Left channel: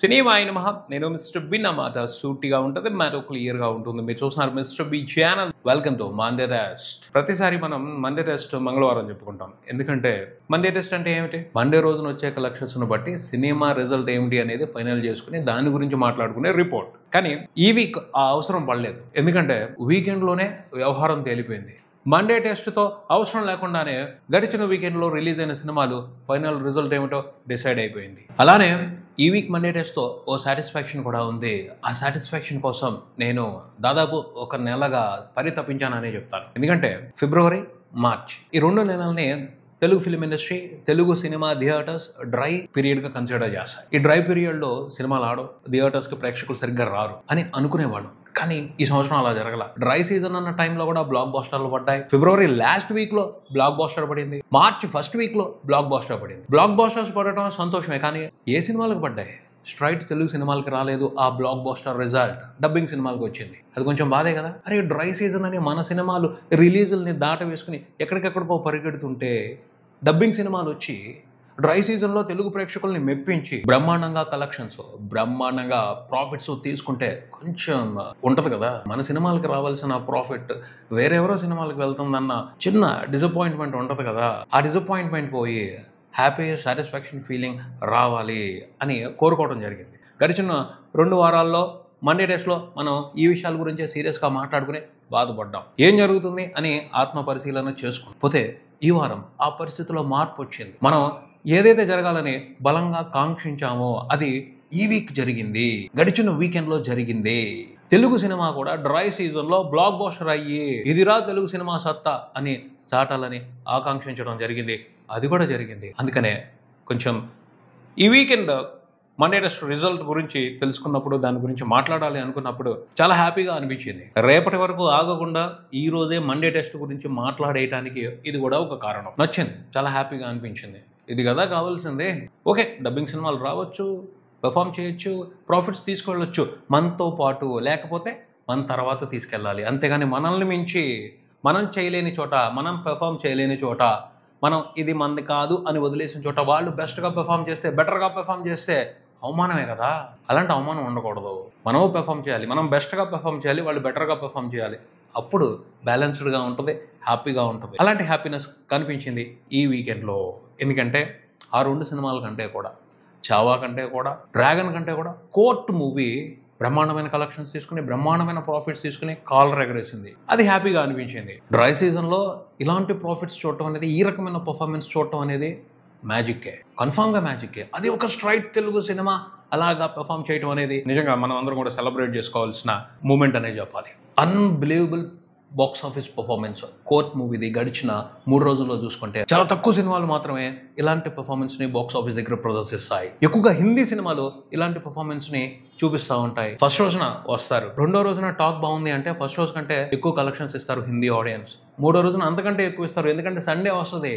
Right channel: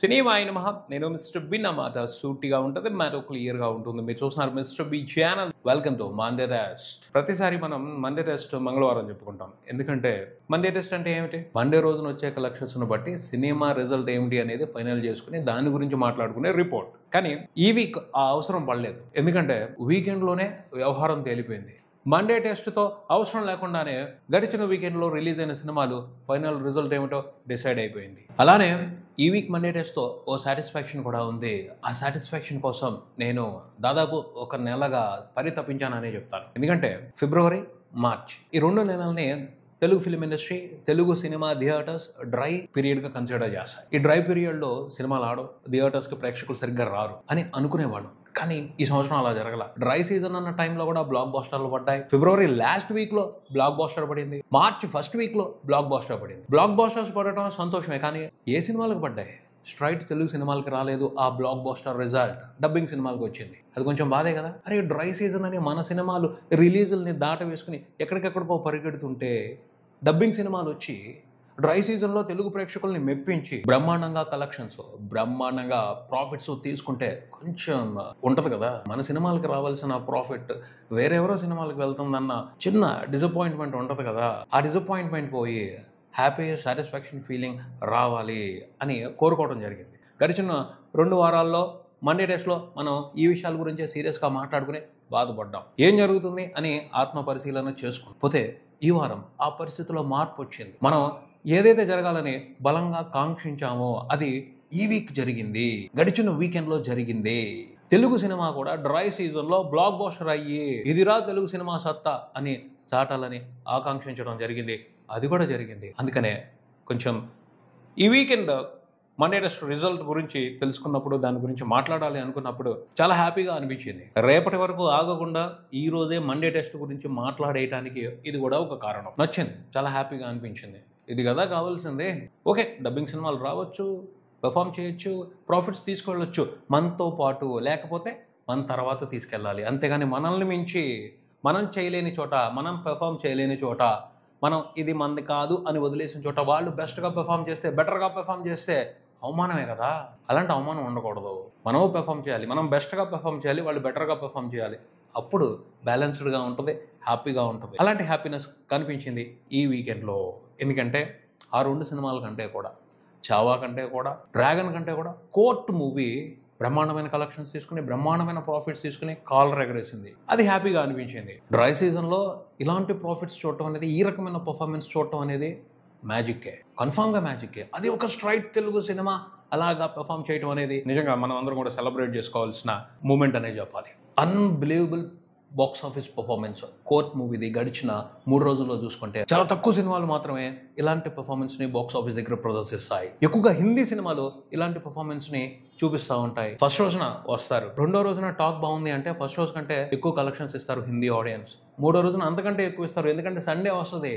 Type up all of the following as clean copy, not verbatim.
Cinema అయిన మహా నేను మిస్టర్ బి నా మాట సూటిగా ఉంటుంది, మ్యాటర్ క్లియర్ గా ఉంటుంది. మీరు చూస్తున్నారు mister B channel. Welcome to Monday test. ప్రతిసారి మనం మండే టెస్ట్ మంగళవారం చెప్పుకుంటాం. ఎందుకంటే మండే టెస్ట్ అంటే ఏమిటి? మండే రోజున వచ్చే కలెక్షన్స్ ను బట్టి సినిమా రిజల్ట్ ఏమిటి అనేది ఫైనల్ చేసుకుని దాని గురించి మాట్లాడుకునే రిపోర్ట్. కానీ ఈ వీక్ ఆ అవసరం పడలేదు, ఎందుకంటే వీకెండ్ లోనే వ్యవహారం తేలిపోయింది. మండే టెస్ట్తో అవసరం లేకుండానే గడిచిన వీకెండ్లో రిలీజ్ అయిన సినిమాలు ఫైనల్ రిజల్ట్ ఏమిటో డిసైడ్ అయిపోయింది. అలానే ఈ వీక్ మండే టెస్ట్తో ఓ సాటిస్ఫాక్షన్ కూడా ఉంది. ఆ సాటిస్ఫాక్షన్ కోసం నేను దాదాపు ఒక నెలగా పరితపించాననే చెప్తాను. ఎందుకంటే ఫిబ్రవరి, మార్చ్ ఈ 2 నెలల్ని Telugu film industry, Telugu cinema theatres dry period గా కన్సిడర్ చేస్తాయి. ఈ డ్రై పీరియడ్ లో సినిమాలు ఆడవు, థియేటర్స్ కి ప్రేక్షకులు సరిగ్గా రారు అని అనుకునేవాళ్ళు. కానీ ఈ సంవత్సరం అలా జరగల. డ్రై సీజన్ అన్న టైంలో కూడా బ్లాక్ బాస్టర్లు పడ్డాయి. ఫిబ్రవరి లాస్ట్ వీక్ లో బ్లాక్ బాస్టర్ పడింది. మార్చ్ ఫస్ట్ వీక్ లో బ్లాక్ బాస్టర్ పడింది. బ్లాక్ బాస్టర్స్ పడటం సంతోషమే, కానీ ఏ సినిమాలకు పడ్డాయి? స్ట్రైట్ తెలుగు సినిమాలకి రాలేదు. ఆ బ్లాక్ బాస్టర్ రిజల్ట్ డబ్బింగ్ సినిమాలకు వచ్చింది. అది కొంచెం బాధే కదా. అరే డ్రై సీజన్ అని మన సినిమాలు రిలీజుల్ని దాట వేసుకుని ఎక్కడికెక్కడికో పరిగెడుతుంటే డబ్బింగ్ సినిమాలు వచ్చి డ్రై సీజన్లో తెలుగు ప్రేక్షకుల్ని మెప్పించి బ్రహ్మాండంగా కలెక్షన్స్, బ్రహ్మాండంగా ప్రాఫిట్స్ తీసుకుంటే కొంచెం ఉంటది కదా. మన సినిమాలకి రావాల్సిన ప్రాఫిట్ వేరెవరో సినిమాలకు వెళ్తుందన్న చిన్న డిసప్పాయింట్మెంట్ ఉంటది కదా. ఆ డిసప్పాయింట్మెంట్ పోయి హ్యాపీ సాటిస్ఫాక్షన్ ఫీలింగ్ రావాలి అని కోరుకోవడం జరిగింది. గడిచిన 2 వారాల్లో మండే టెస్ట్లో మనం ఈ విషయాల గురించే సీరియస్గా మాట్లాడుకుని బాధపడ్డాం. ఏం జరుగుతుంది అని ఆత్మ పరిశీలన చేసుకోకపోతే ఈ వారం ఆ పరిస్థితిలో మార్పు వచ్చింది. మనం ఏదైతే జరగాలని బలంగా కాంక్షించామో అది ఈ వీక్ జరిగింది, గడిచిన వీకెండ్ లో జరిగింది. తెలుగు సినిమా కూడా డ్రై సీజన్ లో బ్లాక్ బాస్టర్ అయ్యి ఇదిరా తెలుగు సినిమా సత్తా అని చాటాలని ఆకాంక్షించడం జరిగింది. అది కూడా జరిగింది. అందుకనే కొంచెం ఈ వీకెండ్ మండే టెస్ట్ రిజల్ట్ గురించి తెలుసుకున్నప్పుడు, దాని గురించి మాట్లాడాలి అనుకున్నప్పుడు చాలా హ్యాపీగా అనిపించింది. రేపటి వరకు ఆగకుండా ఈ రోజే మండే టెస్ట్ గురించి మాట్లాడేయటానికి ఇది కూడా ఒక కారణం. నచ్చింది, చాలా హ్యాపీగా అనిపించింది. ఇది కదా కావాల్సిందే. ఓకే, డబ్బింగ్ సినిమాలు రావచ్చు, పెర్ఫామ్ చేయొచ్చు, ప్రాఫిట్స్ తీసుకెళ్ళొచ్చు మనతో పాటు, లేకపోతే మన తర్వాత తీసుకెళ్ళాలి. అంతేగాని మనల్ని మించి మనం చేయలేని చోట, మనం పెర్ఫామ్ చేయలేని చోట, మనం ఇది మంది కాదు అని వదిలేసిన చోట వాళ్ళు బెస్ట్గా పెర్ఫామ్ చేస్తే, బెటర్గా పెర్ఫామ్ చేస్తే అవమానమే కదా. అలాంటి అవమానం ఉండకూడదు. మనము పెర్ఫామ్ చేయాలి, మనం బెస్ట్గా పెర్ఫామ్ చేయాలి, వాళ్ళు బెటర్గా పెర్ఫామ్ చేయాలి. అప్పుడు బ్యాలెన్స్డ్గా ఉంటుంది, హ్యాపీగా ఉంటుంది. అలాంటి హ్యాపీనెస్ కనిపించింది ఈ వీకెండ్లో. ఎందుకంటే ఆ 2 సినిమాల కంటే కూడా, చావా కంటే కూడా, డ్రాగన్ కంటే కూడా కోర్ట్ మూవీ బ్రహ్మాండమైన కలెక్షన్స్ తీసుకుని, బ్రహ్మాండమైన ప్రాఫిట్స్ తీసుకుని కాలర్ ఎగరేసింది. అది హ్యాపీగా అనిపించింది. డ్రై సీజన్లో ఇలాంటి ప్రాఫిట్స్ చూడటం అనేది, ఈ రకమైన పర్ఫార్మెన్స్ చూడటం అనేది మ్యాజిక్కే, కన్ఫామ్గా మ్యాజిక్కే. అది ఒక స్ట్రైట్ తెలుగు సినిమా అలాగా పెర్ఫామ్ చేయడం అనేది నిజంగా మనం అందరం కూడా సెలబ్రేట్ చేసుకోవాల్సిన మూమెంట్ అనే చెప్పాలి. Unbelievable box office performance court మూవీది గడిచిన 3 రోజుల్లో చూసుకుంటే చాలా తక్కువ సినిమాలు మాత్రమే ఇలాంటి పర్ఫార్మెన్స్ ని బాక్స్ ఆఫీస్ దగ్గర ప్రదర్శిస్తాయి. ఎక్కువగా హిందీ సినిమాలు ఇలాంటి పర్ఫార్మెన్స్ ని చూపిస్తూ ఉంటాయి. ఫస్ట్ రోజున వస్తారు, 2వ రోజున టాక్ బాగుంది అంటే ఫస్ట్ రోజు కంటే ఎక్కువ కలెక్షన్స్ ఇస్తారు హిందీ ఆడియన్స్. 3వ రోజున అంతకంటే ఎక్కువ ఇస్తారు, ఎందుకంటే సండే వస్తుంది.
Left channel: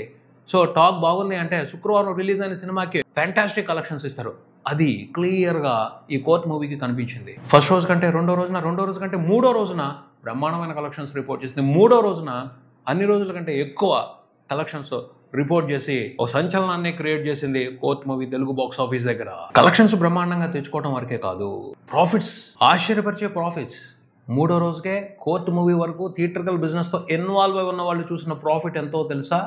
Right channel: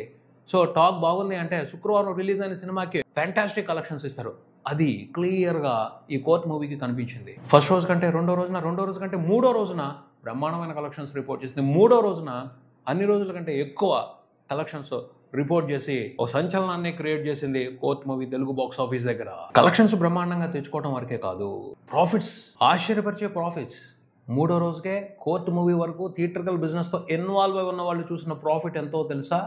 సో టాక్ బాగుంది అంటే శుక్రవారం రిలీజ్ అయిన సినిమాకి ఫ్యాంటాస్టిక్ కలెక్షన్స్ ఇస్తారు. అది క్లియర్ గా ఈ కోర్ట్ మూవీకి కనిపించింది. ఫస్ట్ రోజు కంటే 2వ రోజున, 2వ రోజు కంటే 3వ రోజున బ్రహ్మాండమైన కలెక్షన్స్ రిపోర్ట్ చేసింది. 3వ రోజున అన్ని రోజుల కంటే ఎక్కువ కలెక్షన్స్ రిపోర్ట్ చేసి ఒక సంచలనాన్ని క్రియేట్ చేసింది court movie Telugu box office దగ్గర. కలెక్షన్స్ బ్రహ్మాండంగా తెచ్చుకోవడం వరకే కాదు, ప్రాఫిట్స్, ఆశ్చర్యపరిచే ప్రాఫిట్స్. 3వ రోజుకే కోర్ట్ మూవీ వరకు థియేట్రికల్ బిజినెస్ తో ఇన్వాల్వ్ అయి ఉన్న వాళ్ళు చూసిన ప్రాఫిట్ ఎంతో తెలుసా?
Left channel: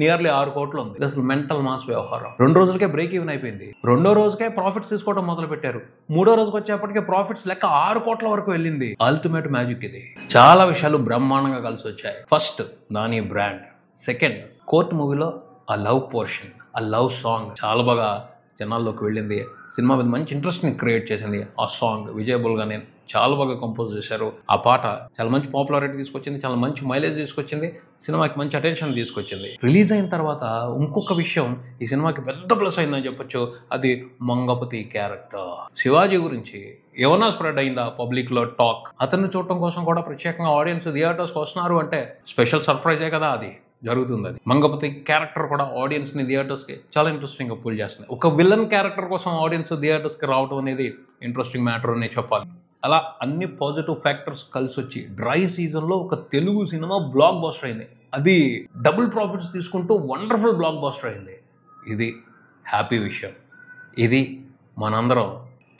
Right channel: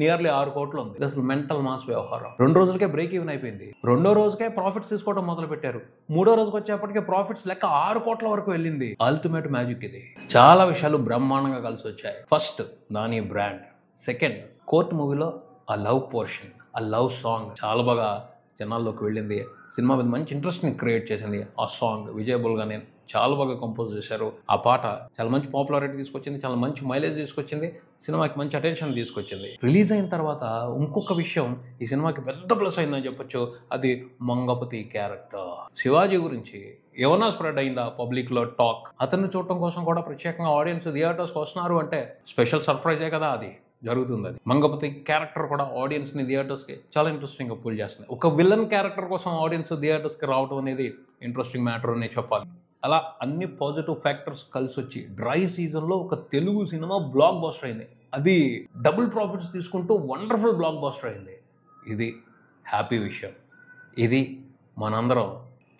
నియర్లీ 6 కోట్లు ఉంది. ఇది అసలు మెంటల్ మాస్ వ్యవహారం. 2 రోజులకే బ్రేక్ ఈవెన్ అయిపోయింది. 2వ రోజుకే ప్రాఫిట్స్ తీసుకోవడం మొదలు పెట్టారు. 3వ రోజుకి వచ్చేప్పటికే ప్రాఫిట్స్ లెక్క 6 కోట్ల వరకు వెళ్ళింది. అల్టిమేట్ మ్యాజిక్ ఇది. చాలా విషయాలు బ్రహ్మాండంగా కలిసి వచ్చాయి. First Nani brand, second court మూవీలో ఆ లవ్ పోర్షన్, ఆ లవ్ సాంగ్ చాలా బాగా జనాల్లోకి వెళ్ళింది. సినిమా మీద మంచి ఇంట్రెస్ట్ ని క్రియేట్ చేసింది. ఆ సాంగ్ విజయ్ బుల్గానే చాలా బాగా కంపోజ్ చేశారు. ఆ పాట చాలా మంచి పాపులారిటీ తీసుకొచ్చింది, చాలా మంచి మైలేజ్ తీసుకొచ్చింది, సినిమాకి మంచి అటెన్షన్ తీసుకొచ్చింది. రిలీజ్ అయిన తర్వాత ఇంకొక విషయం ఈ సినిమాకి పెద్ద ప్లస్ అయిందని చెప్పొచ్చు. అది మంగపతి క్యారెక్టర్. శివాజీ గురించి ఏమన్నా స్ప్రెడ్ అయిందా పబ్లిక్ లో టాక్? అతన్ని చూడటం కోసం కూడా ప్రత్యేకంగా ఆడియన్స్ థియేటర్స్కి వస్తున్నారు అంటే స్పెషల్ సర్ప్రైజే కదా అది జరుగుతుంది. అది మంగపతి క్యారెక్టర్ కూడా ఆడియన్స్ ని థియేటర్స్ కి చాలా ఇంట్రెస్టింగ్ గా పుల్ చేస్తుంది. ఒక విలన్ క్యారెక్టర్ కోసం ఆడియన్స్ థియేటర్స్ కి రావడం అనేది ఇంట్రెస్టింగ్ మ్యాటర్ అని చెప్పాలి. అలా అన్ని పాజిటివ్ ఫ్యాక్టర్స్ కలిసి వచ్చి డ్రై సీజన్లో ఒక తెలుగు సినిమా బ్లాక్ బాస్టర్ అయింది. అది డబుల్ ప్రాఫిట్స్ తీసుకుంటూ వండర్ఫుల్ బ్లాక్ బాస్టర్ అయింది. ఇది హ్యాపీ విషయం. ఇది మనందరం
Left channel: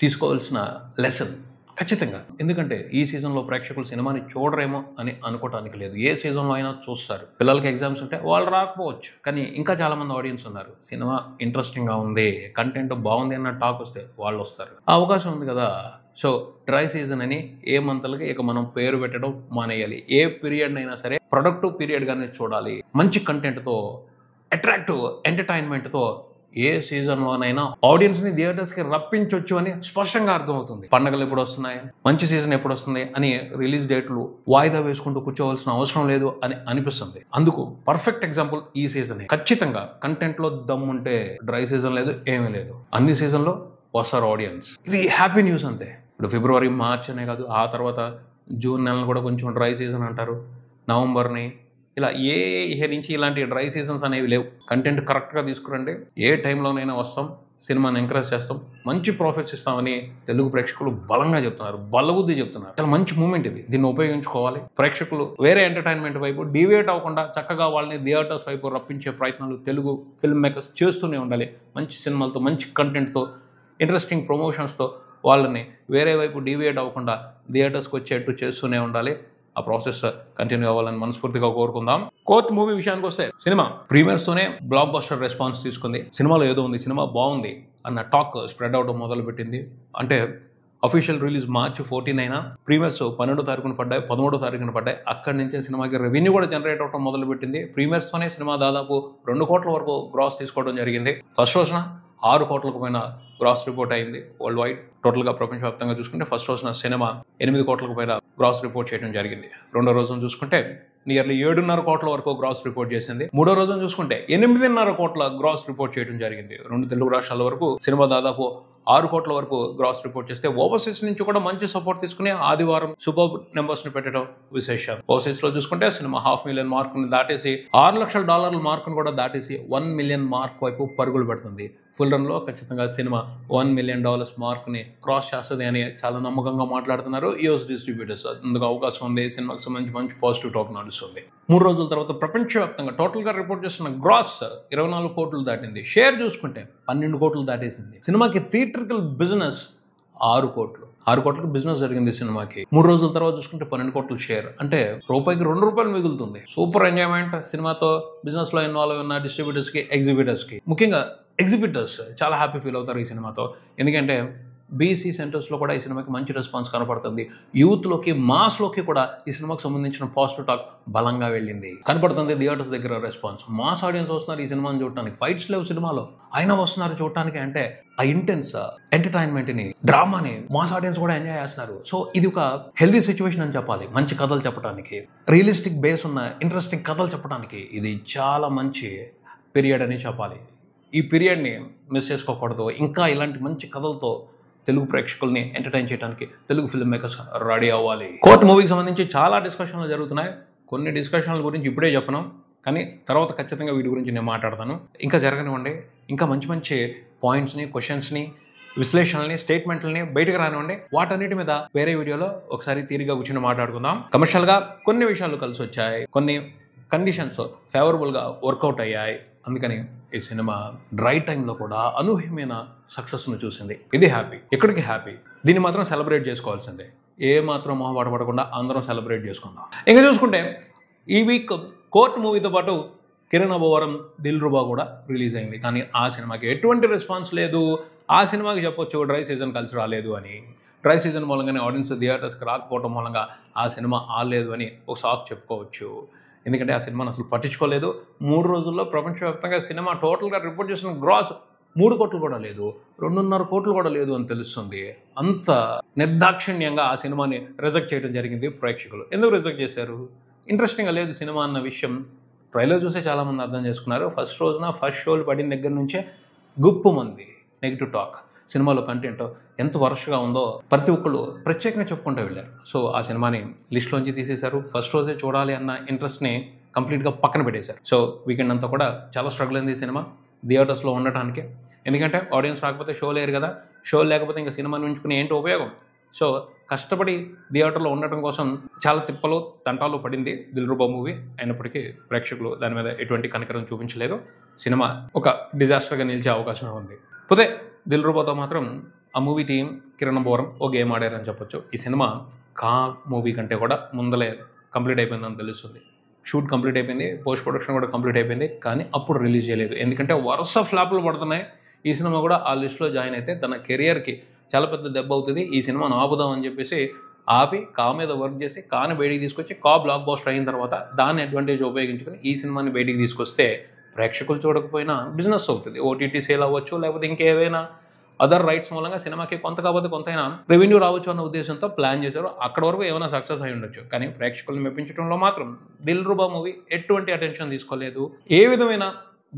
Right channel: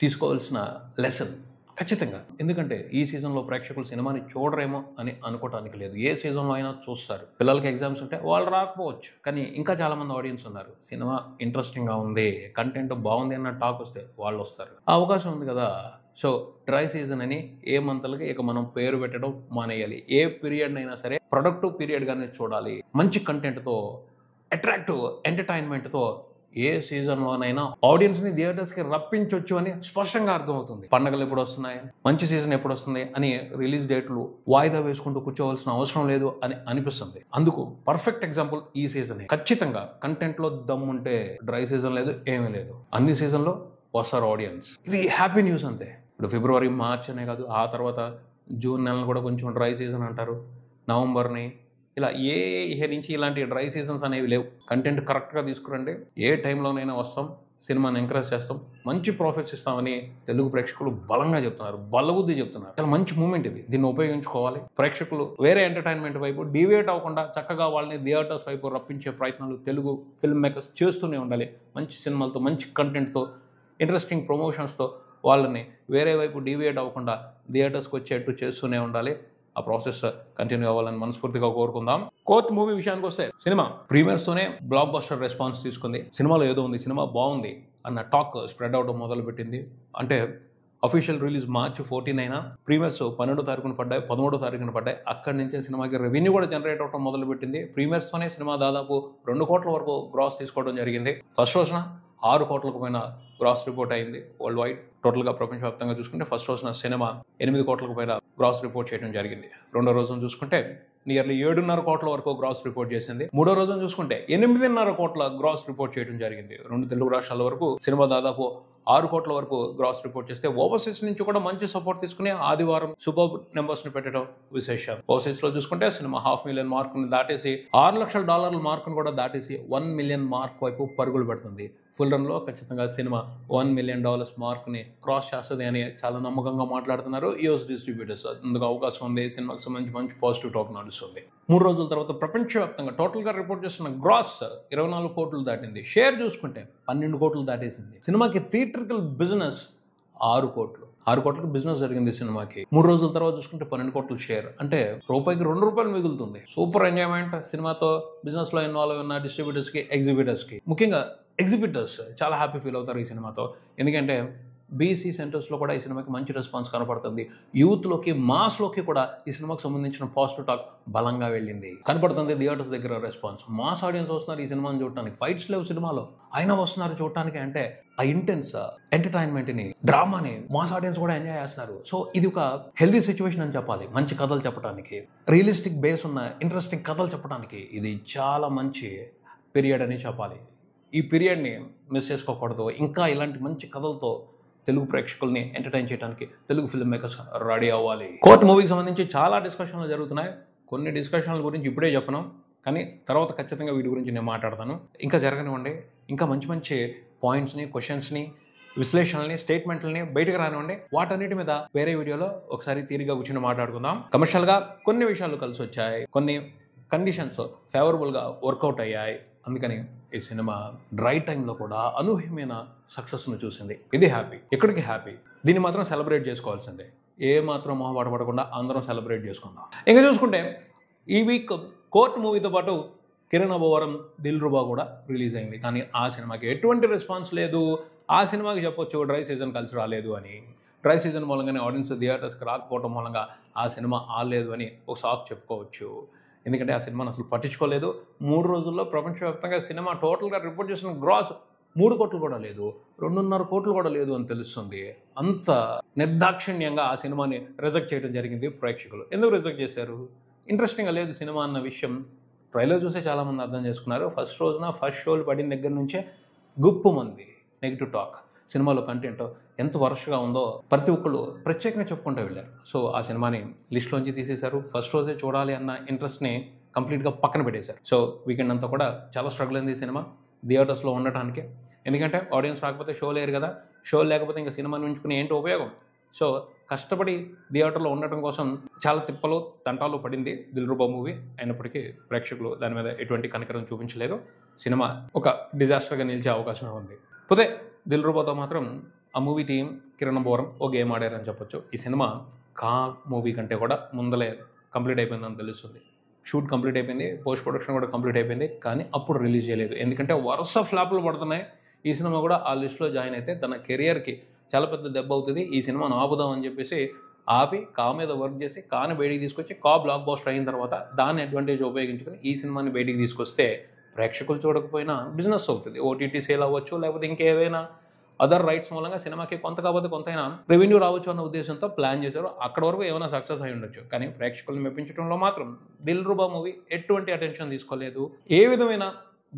తీసుకోవాల్సిన లెసన్ ఖచ్చితంగా. ఎందుకంటే ఈ సీజన్లో ప్రేక్షకులు సినిమాని చూడరేమో అని అనుకోవటానికి లేదు. ఏ సీజన్లో అయినా చూస్తారు. పిల్లలకి ఎగ్జామ్స్ ఉంటే వాళ్ళు రాకపోవచ్చు, కానీ ఇంకా చాలామంది ఆడియన్స్ ఉన్నారు. సినిమా ఇంట్రెస్టింగ్గా ఉంది, కంటెంట్ బాగుంది అన్న టాక్ వస్తే వాళ్ళు వస్తారు. ఆ అవకాశం ఉంది కదా. సో డ్రై సీజన్ అని ఏ మంత్లకి ఇక మనం పేరు పెట్టడం మానేయాలి. ఏ పీరియడ్ అయినా సరే ప్రొడక్టివ్ పీరియడ్గానే చూడాలి. మంచి కంటెంట్తో, అట్రాక్టివ్ ఎంటర్టైన్మెంట్తో ఏ సీజన్లోనైనా ఆడియన్స్ని థియేటర్స్కి రప్పించవచ్చు అని స్పష్టంగా అర్థమవుతుంది. పండగలు ఎప్పుడు వస్తున్నాయి, మంచి సీజన్ ఎప్పుడు వస్తుంది అని రిలీజ్ డేట్లు వాయిదా వేసుకుంటూ కూర్చోవలసిన అవసరం లేదు అని అనిపిస్తుంది. అందుకు పర్ఫెక్ట్ ఎగ్జాంపుల్ ఈ సీజన్. ఖచ్చితంగా కంటెంట్లో దమ్ముంటే డ్రై సీజన్ లేదు, ఏమీ లేదు. అన్ని సీజన్లో వస్తారు ఆడియన్స్. ఇది హ్యాపీ న్యూస్ అంతే. ఇప్పుడు ఫిబ్రవరి, మార్చ్ అనే కాదు, ఆ తర్వాత జూన్ నెలను కూడా కొంచెం డ్రై సీజన్ అంటారు. నవంబర్ని ఇలా ఏ ఇయర్ నుంచి ఇలాంటి డ్రై సీజన్స్ అనేవి లేవు. కంటెంట్ కరెక్ట్గా తీసుకురండి, ఏ టైంలోనైనా వస్తాం, సినిమాని ఎంకరేజ్ చేస్తాం, మంచి ప్రాఫిట్స్ ఇస్తామని తెలుగు ప్రేక్షకులు బలంగా చెప్తున్నారు, బలబుద్ధి చెప్తున్నారు. చాలా మంచి మూమెంట్ ఇది. దీన్ని ఉపయోగించుకోవాలి. ప్రేక్షకులు వేరే ఎంటర్టైన్మెంట్ వైపు డివియేట్ అవ్వకుండా చక్కగా వాళ్ళని థియేటర్స్ వైపు రప్పించే ప్రయత్నాలు తెలుగు ఫిల్మ్ మేకర్స్ చేస్తూనే ఉండాలి. మంచి సినిమాలతో, మంచి కంటెంట్తో, ఇంట్రెస్టింగ్ ప్రమోషన్స్తో వాళ్ళని వేరే వైపు డివియేట్ అవ్వకుండా థియేటర్స్కి వచ్చేట్టు చేస్తూనే ఉండాలి. ఆ ప్రాసెస్ కంటిన్యూ అవ్వాలని మనస్ఫూర్తిగా కోరుకుందాం. కోర్ట్ మూవీ విషయానికి వస్తే సినిమా ప్రీమియర్స్తోనే బ్లాక్ బస్టర్ రెస్పాన్స్ తీసుకుంది. సినిమాలో ఏదో ఉంది, సినిమా బాగుంది అన్న టాక్ స్ప్రెడ్ అవడం మొదలుపెట్టింది. అంటే అఫీషియల్ రిలీజ్ మార్చి 14 అయినా ప్రీమియర్స్ 12వ తారీఖున పడ్డాయి, 13వ తారీఖున పడ్డాయి. అక్కడి నుంచే సినిమాకి రెవెన్యూ కూడా జనరేట్ అవడం మొదలుపెట్టింది. ప్రీమియర్స్తోనే సినిమా దాదాపు 2 కోట్ల వరకు గ్రాస్ తీసుకోవడం జరిగింది. ఫస్ట్ రోజున 6 కోట్లకు పైన గ్రాస్ రిపోర్ట్ అయింది వరల్డ్ వైడ్. టోటల్గా ప్రపంచవ్యాప్తంగా చూసుకుంటే ఫస్ట్ రోజున సినిమా 8 కోట్లకు పైన గ్రాస్ రిపోర్ట్ చేయడం జరిగింది. రెండో రోజున చూసుకుంటే నియర్లీ 7.5 కోట్ల వరకు గ్రాస్ రిపోర్ట్ చేసింది. మూడో రోజున చూసుకుంటే 8.5 కోట్ల గ్రాస్ రిపోర్ట్ చేయడం జరిగింది. 2 తెలుగు రాష్ట్రాల వరకు సినిమా దాదాపు 6 కోట్ల వరకు గ్రాస్ రిపోర్ట్ చేస్తే ఓవర్సీస్ నుంచి కూడా మంచి సపోర్ట్ తీసుకుని ఆదివారం సూపర్ నెంబర్స్ ని పెట్టడం విశేషం. ఓవర్సీస్ లో చూసుకుంటే సినిమా $500,000 మార్క్ ని దాటేసి $6 లక్షల మార్కును కూడా దాటేసి $1 మిలియన్ మార్క్ వైపు పరుగులు పెడుతుంది. ఫుల్ రన్ లో ఖచ్చితంగా సినిమా $1 మిలియన్ మార్క్ ని క్రాస్ చేస్తుంది అని చాలా నమ్మకంగా మాట్లాడుతున్నారు యూఎస్ డిస్ట్రిబ్యూటర్స్. అందుకు అవకాశం ఉంది. సినిమాకి సంబంధించి మంచి పాజిటివ్ టాక్ నడుస్తుంది. 3 రోజుల తర్వాత ప్రపంచవ్యాప్తంగా టోటల్ గా రిపోర్ట్ చేస్తున్న గ్రాస్ 24 కోట్లు దాటింది. షేర్ చూసుకుంటే 12 కోట్లు దాటేసింది. సినిమాకి థియేట్రికల్ బిజినెస్ 6 కోట్లు. 6 కోట్లకు బిజినెస్ జరిగింది సినిమాకి. 3 రోజుల తర్వాత చూసుకుంటే 12 కోట్ల షేర్, అంటే రూపాయికి ₹2 మిగులుతుంది. Super enjoyment. సినిమాతో బిజినెస్ లో ఇన్వాల్వ్ ఉన్న డిస్ట్రిబ్యూటర్స్ కి, ఎగ్జిబిటర్స్ కి, ముఖ్యంగా ఎగ్జిబిటర్స్ చాలా హ్యాపీ ఫీల్ అవుతారు ఈ సినిమాతో. ఎందుకంటే బీసీ సెంటర్స్లో కూడా ఈ సినిమాకి మంచి రెస్పాన్స్ కనపడుతుంది. యూత్లోకి, మాస్లోకి కూడా ఈ సినిమాకి సంబంధించిన పాజిటివ్ టాక్ బలంగా వెళ్ళింది, కనపడుతుంది. థియేటర్స్ దగ్గర రెస్పాన్స్, మాస్ ఆడియన్స్ వస్తున్నారు ఈ సినిమాని చూడటానికి. ఫైట్స్ లేవు సినిమాలో, అయినా వస్తున్నారు చూడటానికి. అంటే ఆ ఇంటెన్స్ ఎంటర్టైన్మెంట్ని, డ్రామాని మాస్ ఆడియన్స్ కూడా ఎంజాయ్ చేస్తున్నారు. సో ఇది ఒక హెల్దీ సిచ్యువేషన్ అని చెప్పాలి. మంచి కథలు చెప్పడానికి, రియలిస్టిక్ బేస్ ఉన్న ఇంట్రెస్టింగ్ కథలు చెప్పడానికి ఇది చాలా మంచి పీరియడ్ అని చెప్పాలి. ఈ పీరియడ్ని మిస్ చేసుకోకూడదు. ఇంకా ఇలాంటి మంచి కథలతో తెలుగు ప్రేక్షకుల్ని ఎంటర్టైన్ చేయడానికి తెలుగు ఫిల్మ్ మేకర్స్ రెడీ అవ్వాలి. కోర్ట్ మూవీకి సంబంధించి చాలా డిస్కషన్లు జరుగుతున్నాయి. కొన్ని డిస్కషన్ల గురించి ఇప్పుడే చెప్పను, కానీ తర్వాత ఖచ్చితంగా వీటి గురించి నేను మాట్లాడతాను. ఇంకా జరగనివ్వండి. ఇంకా మంచి మంచి పాయింట్స్ని, క్వశ్చన్స్ని, విశ్లేషణల్ని, స్టేట్మెంట్లని బయటకు రానివ్వండి. వాటన్నిటి మీద వేరే వీడియోలో ఒకసారి తీరిగా కూర్చొని మాట్లాడుకుందాం. కమర్షియల్గా కొన్ని విషయాలు కలిసి వచ్చాయి, కొన్ని కండిషన్స్ ఫేవరబుల్గా వర్కౌట్ అయ్యాయి. అందుకని ఈ సినిమా డ్రై టైంలో కూడా అనూహ్యమైన సక్సెస్ను చూసింది. ఇది హ్యాపీ. ఎక్కడికి హ్యాపీ, దీన్ని మాత్రం సెలబ్రేట్ చేసుకోవాల్సిందే. ఏ మాత్రం మొహమాట పడకుండా అందరం సెలబ్రేట్ చేసుకుందాం. ఇంకా చూసుకుంటే ఈ వీక్ కోర్ట్ మూవీతో పాటు కిరణ్ అబోవరం, దిల్రుబా కూడా రిలీజ్ అయింది. కానీ ఆ సినిమాకి ఎటువంటి రెస్పాన్స్ లేదు. ఆ సినిమాకి చెప్పొచ్చు డ్రై సీజన్ కలిసి రాలేదు అని. డ్రై సీజన్ మూలంగానే ఆడియన్స్ థియేటర్స్కి రాకపోవడం మూలంగా ఆ సినిమా ఆడలేదు అని ఒక సాక్ చెప్పుకోవచ్చు. ఎందుకంటే ఆ సినిమాను అసలు పట్టించుకోలేదు. 3 రోజుల్లో ప్రపంచవ్యాప్తంగా సినిమా టోటల్గా రిపోర్ట్ చేసిన గ్రాస్ 3 కోట్లు కూడా లేదు, 2.5 కోట్లు కూడా లేదు అని తెలుస్తుంది. అంత నిర్దాక్షిణ్యంగా ఆ సినిమాని రిజెక్ట్ చేయడం జరిగింది ప్రేక్షకులు. ఎందుకు రిజెక్ట్ చేశారు? ఇంట్రెస్టింగ్గా లేదు సినిమా అన్న విషయం ట్రైలర్ చూసే చాలామంది అర్థం చేసుకున్నారు. ఫస్ట్ రోజున ఫస్ట్ షోలు పడిన దగ్గర నుంచే గుప్పు మంది నెగిటివ్ టాక్. సినిమాలో కంటెంట్ ఎంత వరస్ట్గా ఉందో ప్రతి ఒక్కళ్ళు ప్రత్యేకంగా చెప్పుకుంటూ వెళ్ళారు. సో ఆ సినిమాని లిస్ట్లోంచి తీసేశారు. ఫస్ట్ రోజే చూడాలి అన్న ఇంట్రెస్ట్ని కంప్లీట్గా పక్కన పెట్టేశారు. సో వీకెండ్ అంతా కూడా చాలా స్ట్రగుల్ అయింది సినిమా థియేటర్స్లో ఉండటానికి. ఎందుకంటే ఆడియన్స్ రాకపోతే షో లేరు కదా. షో లేకపోతే ఇంకా సినిమాని ఉంచుకుని ఏంటి ఉపయోగం? సో కష్టపడి థియేటర్లో ఉండటం కోసం చాలా తిప్పలు, తంటాలు పడింది దిల్రుబా మూవీ. అయినప్పటికీ ప్రేక్షకులు దాని మీద ఎటువంటి కనికరం చూపించలేదు. సినిమా ఒక డిజాస్టర్గా నిలిచే అవకాశం ఉంది. పోతే దిల్రుబాతో మాత్రం ఆ మూవీ టీం కిరణ్ బోరం ఓ గేమ్ ఆడారని చెప్పొచ్చు. ఈ సినిమా కా మూవీ కంటే కూడా ముందలే కంప్లీట్ అయిపోయిందని తెలుస్తుంది. షూట్ కంప్లీట్ అయిపోయింది, పోస్ట్ ప్రొడక్షన్ కూడా కంప్లీట్ అయిపోయింది, కానీ అప్పుడు రిలీజ్ చేయలేదు. ఎందుకంటే వరుస ఫ్లాప్లు పడుతున్నాయి. ఈ సినిమా కూడా ఆ లిస్ట్లో జాయిన్ అయితే తన కెరియర్కి చాలా పెద్ద దెబ్బ అవుతుంది. ఈ సినిమాను ఆపుదాం అని చెప్పేసి ఆపి కా మీద వర్క్ చేసి కాని బయటికి తీసుకొచ్చి కా బ్లాక్ బస్టర్ అయిన తర్వాత దాన్ని అడ్వాంటేజ్ ఉపయోగించుకొని ఈ సినిమాని బయటికి తీసుకొస్తే ప్రేక్షకులు చూడకపోయినా బిజినెస్ అవుతుంది. ఓటీటీ సేల్ అవ్వచ్చు, లేకపోతే ఇంకేవైనా అదర్ రైట్స్ మూలంగా సినిమాకి కొంత కాకపోతే కొంతైనా రెవెన్యూ రావచ్చు అన్న ఉద్దేశంతో ప్లాన్ చేశారు. అక్కడ వరకు ఏమైనా సక్సెస్ అయి ఉండొచ్చు, కానీ ప్రేక్షకులను మెప్పించడంలో మాత్రం దిల్ రూబా మూవీ ఎటువంటి అటెన్షన్ తీసుకోలేదు. ఏ విధమైన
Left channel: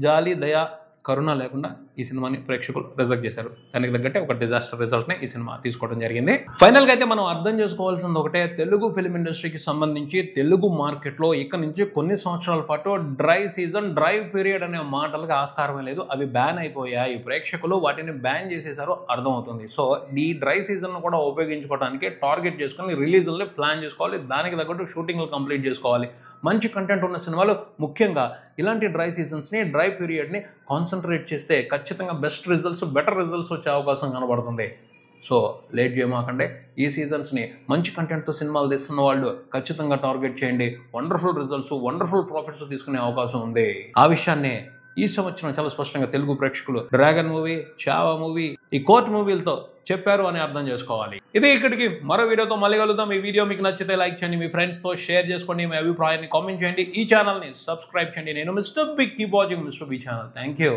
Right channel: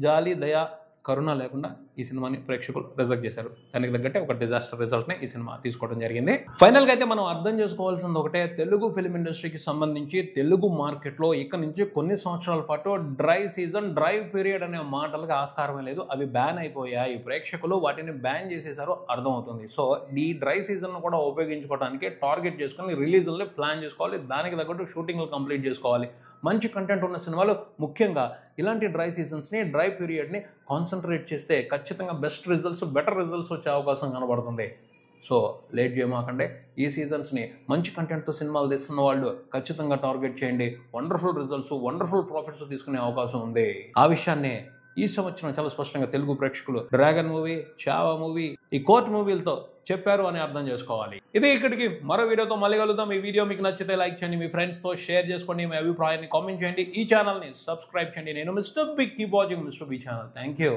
జాలి, దయ, కరుణ లేకుండా ఈ సినిమాని ప్రేక్షకులు రిజెక్ట్ చేశారు. దానికి తగ్గట్టే ఒక డిజాస్టర్ రిజల్ట్ని ఈ సినిమా తీసుకోవడం జరిగింది. ఫైనల్గా అయితే మనం అర్థం చేసుకోవాల్సింది ఒకటే, తెలుగు ఫిల్మ్ ఇండస్ట్రీకి సంబంధించి తెలుగు మార్కెట్లో ఇక నుంచి కొన్ని సంవత్సరాల పాటు డ్రై సీజన్, డ్రై పీరియడ్ అనే మాటలకు ఆస్కారమే లేదు. అవి బ్యాన్ అయిపోయాయి. ప్రేక్షకులు వాటిని బ్యాన్ చేసేసారు, అర్థమవుతుంది. సో ఈ డ్రై సీజన్ కూడా ఉపయోగించుకోవడానికి టార్గెట్ చేసుకొని రిలీజుల్ని ప్లాన్ చేసుకోవాలి. దానికి తగ్గట్టు షూటింగ్లు కంప్లీట్ చేసుకోవాలి. మంచి కంటెంట్ ఉన్న సినిమాలు, ముఖ్యంగా ఇలాంటి డ్రై సీజన్స్ని, డ్రై పీరియడ్ని కాన్సన్ట్రేట్ చేస్తే ఖచ్చితంగా బెస్ట్ రిజల్ట్స్, బెటర్ రిజల్ట్స్ వచ్చే అవకాశం కనబడుతుంది. సో లేట్ చేయమాకండి. ఈ సీజన్స్ని మంచి కంటెంట్తో సినిమాలు తీస్తున్న వాళ్ళు ఖచ్చితంగా టార్గెట్ చేయండి. వండర్ఫుల్ రిజల్ట్స్, వండర్ఫుల్ ప్రాఫిట్స్ తీసుకునే అవకాశం ఉంది. ఆ విషయాన్ని ఈ సంవత్సరం చాలా స్పష్టంగా తెలుగు ప్రేక్షకులు డ్రాగన్ మూవీ, చావా మూవీ, ఈ కోర్ట్ మూవీలతో చెప్పారు అని అర్థం చేసుకోవాలి. ఇది ఇక్కడికి మరో వీడియోతో మళ్ళీ కలుద్దాం. ఈ వీడియో మీకు నచ్చితే లైక్ చేయండి, మీ ఫ్రెండ్స్తో షేర్ చేసుకోండి, మీ అభిప్రాయాన్ని కామెంట్ చేయండి, ఈ ఛానల్ని సబ్స్క్రైబ్ చేయండి. నేను mister B, keep watching mister B channel. Thank you.